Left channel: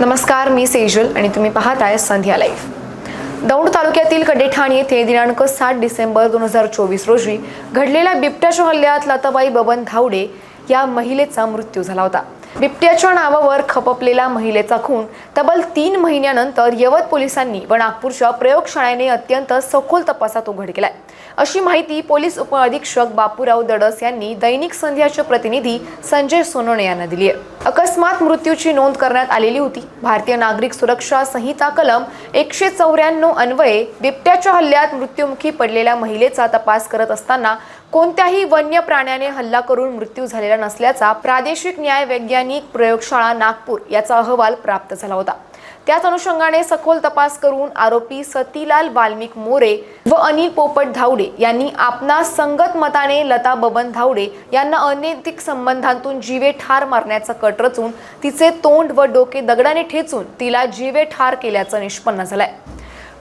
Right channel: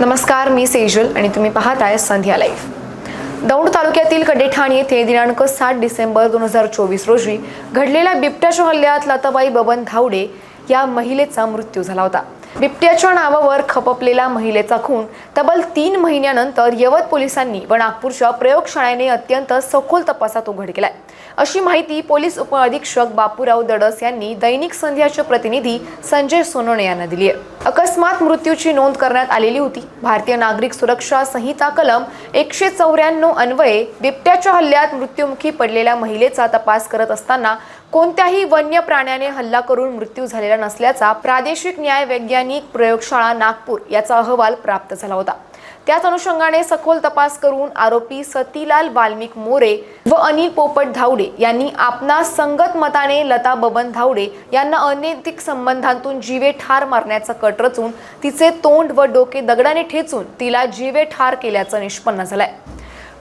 नमस्कार मी सेजल आणि तुम्ही पाहताय संध्या लाईव्ह दौंड तालुक्यातील कडेठाण येथे दिनांक सात डिसेंबर दोन हजार चोवीस रोजी घडलेल्या बिबट्याच्या हल्ल्यात लताबाई बबन धावडे या महिलेचा मृत्यू झाला होता. बिबट्याच्या नावावर खपपलेला महिलेचा खून तब्बल तीन महिन्यानंतर यवत पोलिसांनी व नागपूरच्या प्रयोगशाळेने अत्यंत सखोल तपासात उघड केलाय. अशी माहिती पोलीस उपअधीक्षक बापूराव दडस यांनी दैनिक संध्याचे प्रतिनिधी संजय सोनवणे यांना दिली आहे. अकस्मात मृत्यूची नोंद करण्यात आलेली होती. भारतीय नागरिक सुरक्षा संहिता कलम एकशे चौऱ्याण्णव अन्वये बिबट्याच्या हल्ल्यात मृत्युमुखी पडलेल्या महिलेचा तपास करत असताना कोणत्याही वन्य प्राण्याने हल्ला करून मृत्यू झालेला नसल्याचा प्रादेशिक न्याय वैज्ञानिक प्रयोगशाळा नागपूर याचा अहवाल प्राप्त झाला होता. त्याच अनुषंगाने सखोल तपास करून आरोपी सतीलाल वाल्मिक मोरे व अनिल पोपट धावडे यांनी आपणास संगत मताने लता बबन धावडे यांना अनैतिक संबंधांतून जीवे ठार मारण्याचा कट रचून तिचे तोंड व डोके दगडाने ठेचून तिला जीवे ठार केल्याचं निष्पन्न झालंय.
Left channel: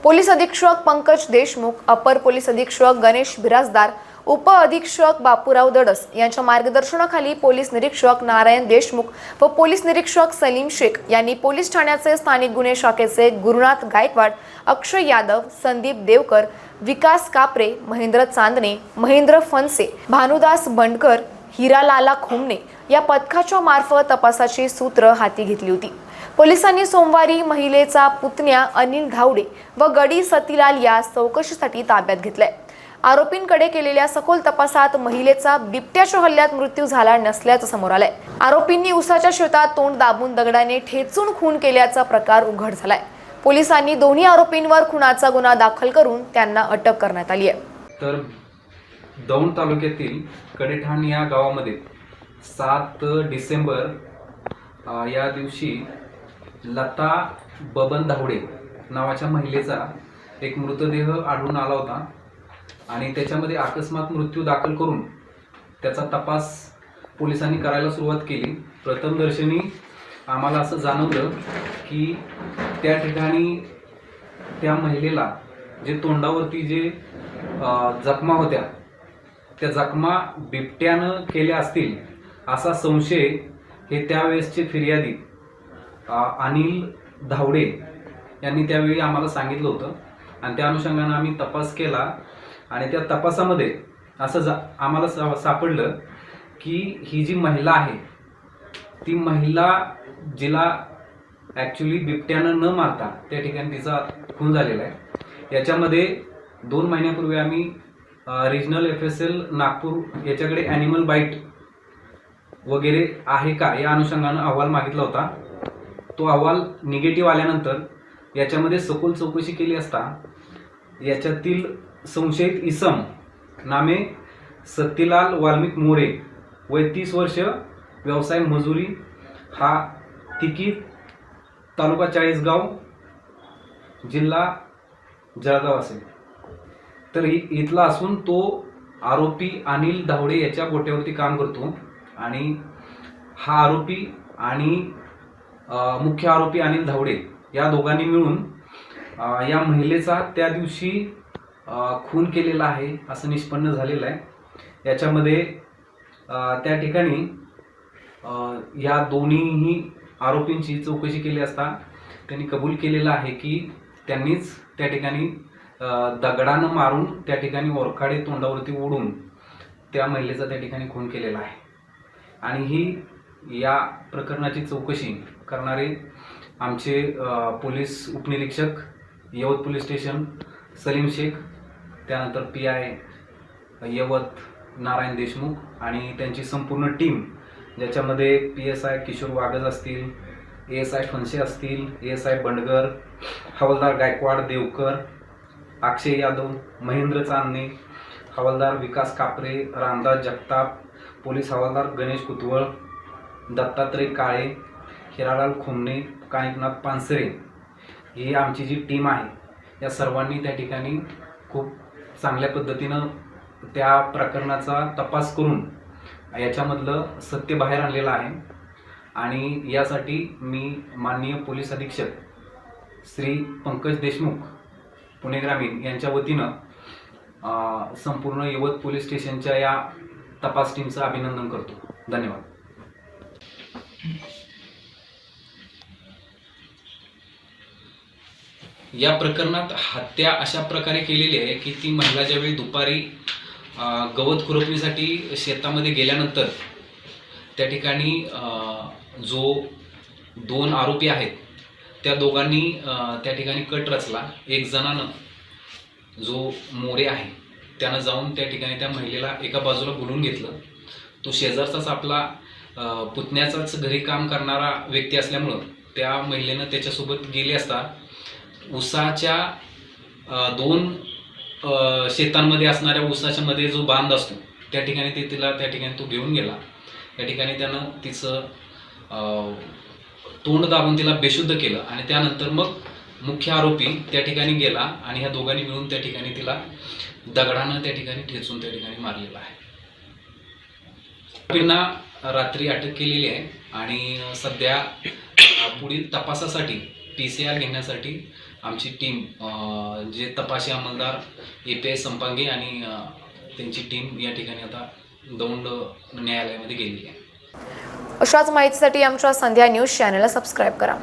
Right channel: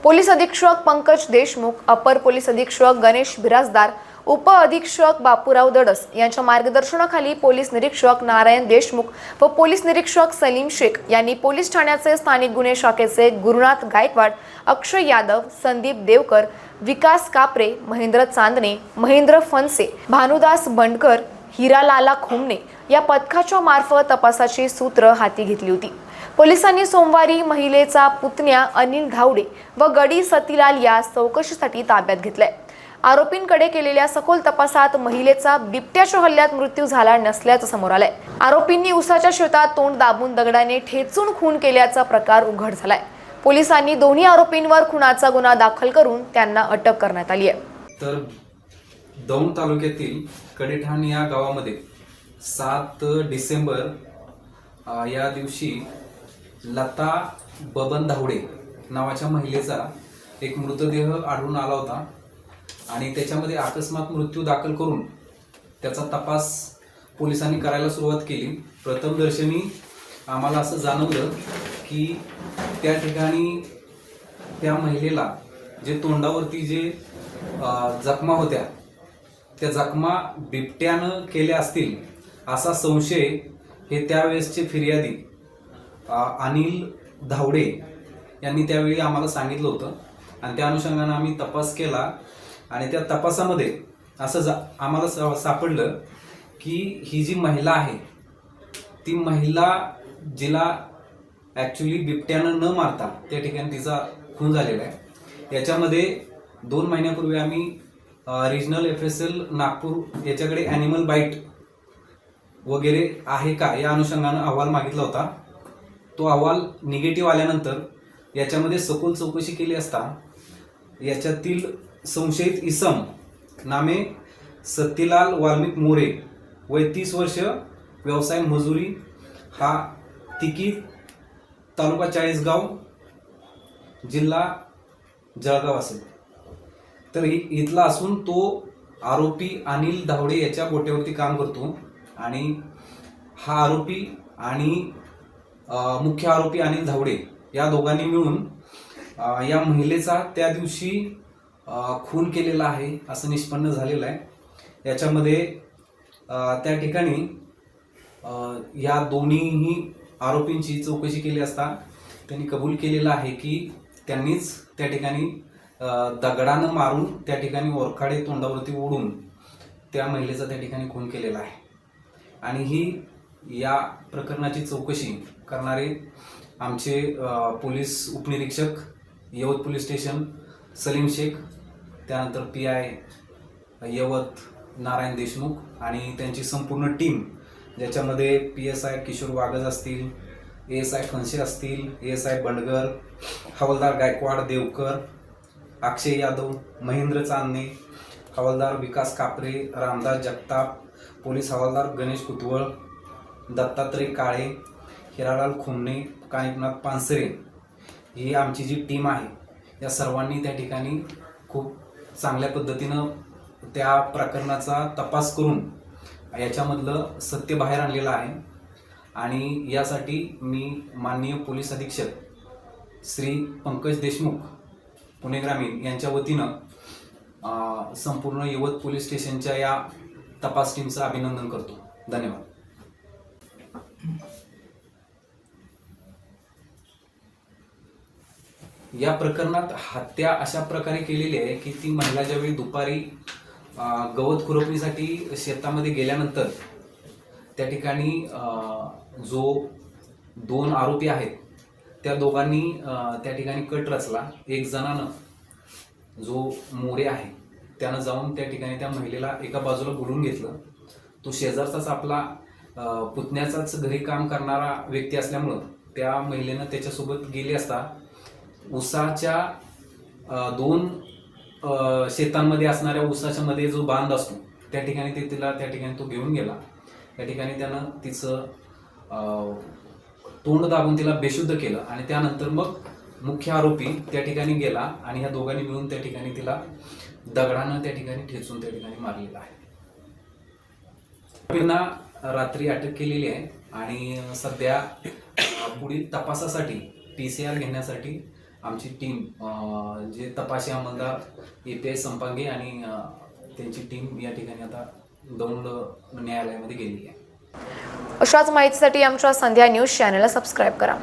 पोलीस अधीक्षक पंकज देशमुख अपर पोलीस अधीक्षक गणेश बिराजदार उप अधीक्षक बापूराव दडस यांच्या मार्गदर्शनाखाली पोलीस निरीक्षक नारायण देशमुख व पोलीस निरीक्षक सलीम शेख यांनी पोलीस ठाण्याचे स्थानिक गुन्हे शाखेचे गुरुनाथ गायकवाड अक्षय यादव संदीप देवकर विकास कापरे महेंद्र चांदणे महेंद्र फनसे भानुदास बंडकर हिरालाला खुमणे या पथकाच्या मार्फत तपासाची सूत्र हाती घेतली होती. पोलिसांनी सोमवारी महिलेचा पुतण्या अनिल धावडे व गडी सतीलाल यास चौकशीसाठी ताब्यात घेतलाय. आरोपींकडे केलेल्या सखोल तपासात महिलेचा बिबट्याच्या हल्ल्यात मृत्यू झाला नसल्याचं समोर आलंय. आरोपींनी उसाच्या शेतात तोंड दाबून दगडाने ठेचून खून केल्याचा प्रकार उघड झालाय. पोलिसांनी दोन्ही आरोपींवर खुनाचा गुन्हा दाखल करून त्यांना अटक करण्यात आली आहे. तर दौंड तालुक्यातील कडेठाण या गावामध्ये सात डिसेंबर अ, या दिवशी लता बबन धावडे नावाच्या महिलेचा एक मृतदेह आढळून आला होता. आणि त्याच्यामध्ये अकस्मात मृत्यू दाखल करून त्याचा तपास पोलिसांनी करायला सुरुवात केली. प्रथमदर्शनी आम्हाला असं जाणवलं की त्या ठिकाणी त्या महिलेला जे तोंडावरती जे जखमा होत्या त्या जखमा बिबट्यानं केल्या असतील असा संशय हे त्यावेळेसचे फिर्यादी अनिल धावडे यांनी त्यावेळी आम्हाला सांगितलं होतं. आणि त्या अनुषंगानं आम्ही तपास केला आणि त्या तपासामध्ये असं जा आम्हाला सा सापडलं की ही जी महिला आहे ती महिला जिला ॲक्च्युली बिबट्यानं न मारता त्या ठिकाणी तिचा खून झालेला आहे. याच्यामध्ये दोन महिन्यापूर्वी आम्ही regional F S L Nagpur याच्याकडे ॲनिमल बाईट वगैरे आहे का या अनुषंगानं अहवाल मागितला होता. तो अहवाल निगेटिव्ह आल्यानंतर याच्यामध्ये सखोल चौकशी केली असता याच्यातील संशयित इसम नामे सत्यलाल वाल्मिक मोरे वय तीस वर्ष व्यवसाय मजुरी हा तिकी तालुका चाळीसगाव जिल्हा जळगाव असेल. तर इथला असून तो आरोपी अनिल धावडे याच्या गोट्यावरती काम करतो आणि हा आरोपी आणि मुख्य आरोपी अनिल धावडे या दोघांनी मिळून या महिलेचा त्या दिवशी खून केलेला आहे असं निष्पन्न झालेलं आहे. याच्यामध्ये त्या ठिकाणी या दोन्हीही आरोपींची चौकशी केली असता त्यांनी कबूल केलेलं आहे की त्यांनीच त्या ठिकाणी दगडानं मारून त्या ठिकाणी ओरखाडे तोंडावरती ओढून त्या महिलेचा त्या ठिकाणी खून केलेला आहे. आणि ही या प्रकरणाची चौकशी करणारे आमचे पोलीस उपनिरीक्षक यवत पोलीस स्टेशन सलीम शेख त्यानंतर पी आय यवत नारायण देशमुख आणि त्यांची संपूर्ण टीम ज्याच्यामध्ये P S I Kishor Wagaj असतील ए एस आय फनसे असतील ए एस आय बंडगर हवालदार गायकवाड देवकर अक्षय यादव महेंद्र चांदणे हवालदार विकास कापरे रामदास जगताप पोलीस हवालदार गणेश कुतवळ दत्तात्रय काळे हिरालाल खुमणे कानिकनाथ पानसरे. ही आमची जी टीम आहे या सर्वांनी त्या ठिकाणी खूप चांगल्या पद्धतीनं त्या प्रकरणाचा तपास करून याच्यामधलं सत्य बाहेर आणलेलं आहे. आणि यासाठी मी माननीय पोलीस अधीक्षक श्री पंकज देशमुख पुणे ग्रामीण यांच्या वतीनं संपूर्ण यवत पोलीस स्टेशनच्या या तपास टीमचं अभिनंदन करतो. धन्यवाद. या प्रकरणात हत्या अशा प्रकारे केलेली आहे की ती महिला ज्यावेळी दुपारी गवत खुरपणीसाठी शेतामध्ये गेल्यानंतर त्या ठिकाणी जो दोन आरोपी आहेत त्या दोघांनी त्या ठिकाणी कट रचला. एक जणानं जो मोरे आहे त्यानं जाऊन त्या ठिकाणी त्या महिलेला एका बाजूला बोलून घेतलं. तो शेजारचाच आपला पुतण्याचाच घरी काम करणारा व्यक्ती असल्यामुळं त्या महिलेनं त्याच्यासोबत गेले असता उसाच्या दोन शेतांमध्ये असणाऱ्या उसाच्या मध्ये जो बांध असतो त्या ठिकाणी ते तिला त्या ठिकाणी तो घेऊन गेला. त्या ठिकाणी त्यानं तिचं अं, तोंड दाबून तिला बेशुद्ध केलं आणि त्यानंतर मग मुख्य आरोपी त्या ठिकाणी गेला आणि ह्या दोघांनी मिळून त्या ठिकाणी तिला दगडानं त्या ठिकाणी ठेचून त्या ठिकाणी मारलेला आहे. आरोपींना रात्री अटक केलेली आहे आणि सध्या पुढील तपासासाठी पी सी आर घेण्यासाठी आमची टीम जे तपासी अंमलदार ए पी एस संपांगे आणि त्यांची टीम या ठिकाणी आता दौंड न्यायालयामध्ये गेलेली आहे. अशाच माहितीसाठी आमच्या संध्या न्यूज चॅनलला सबस्क्राईब करा.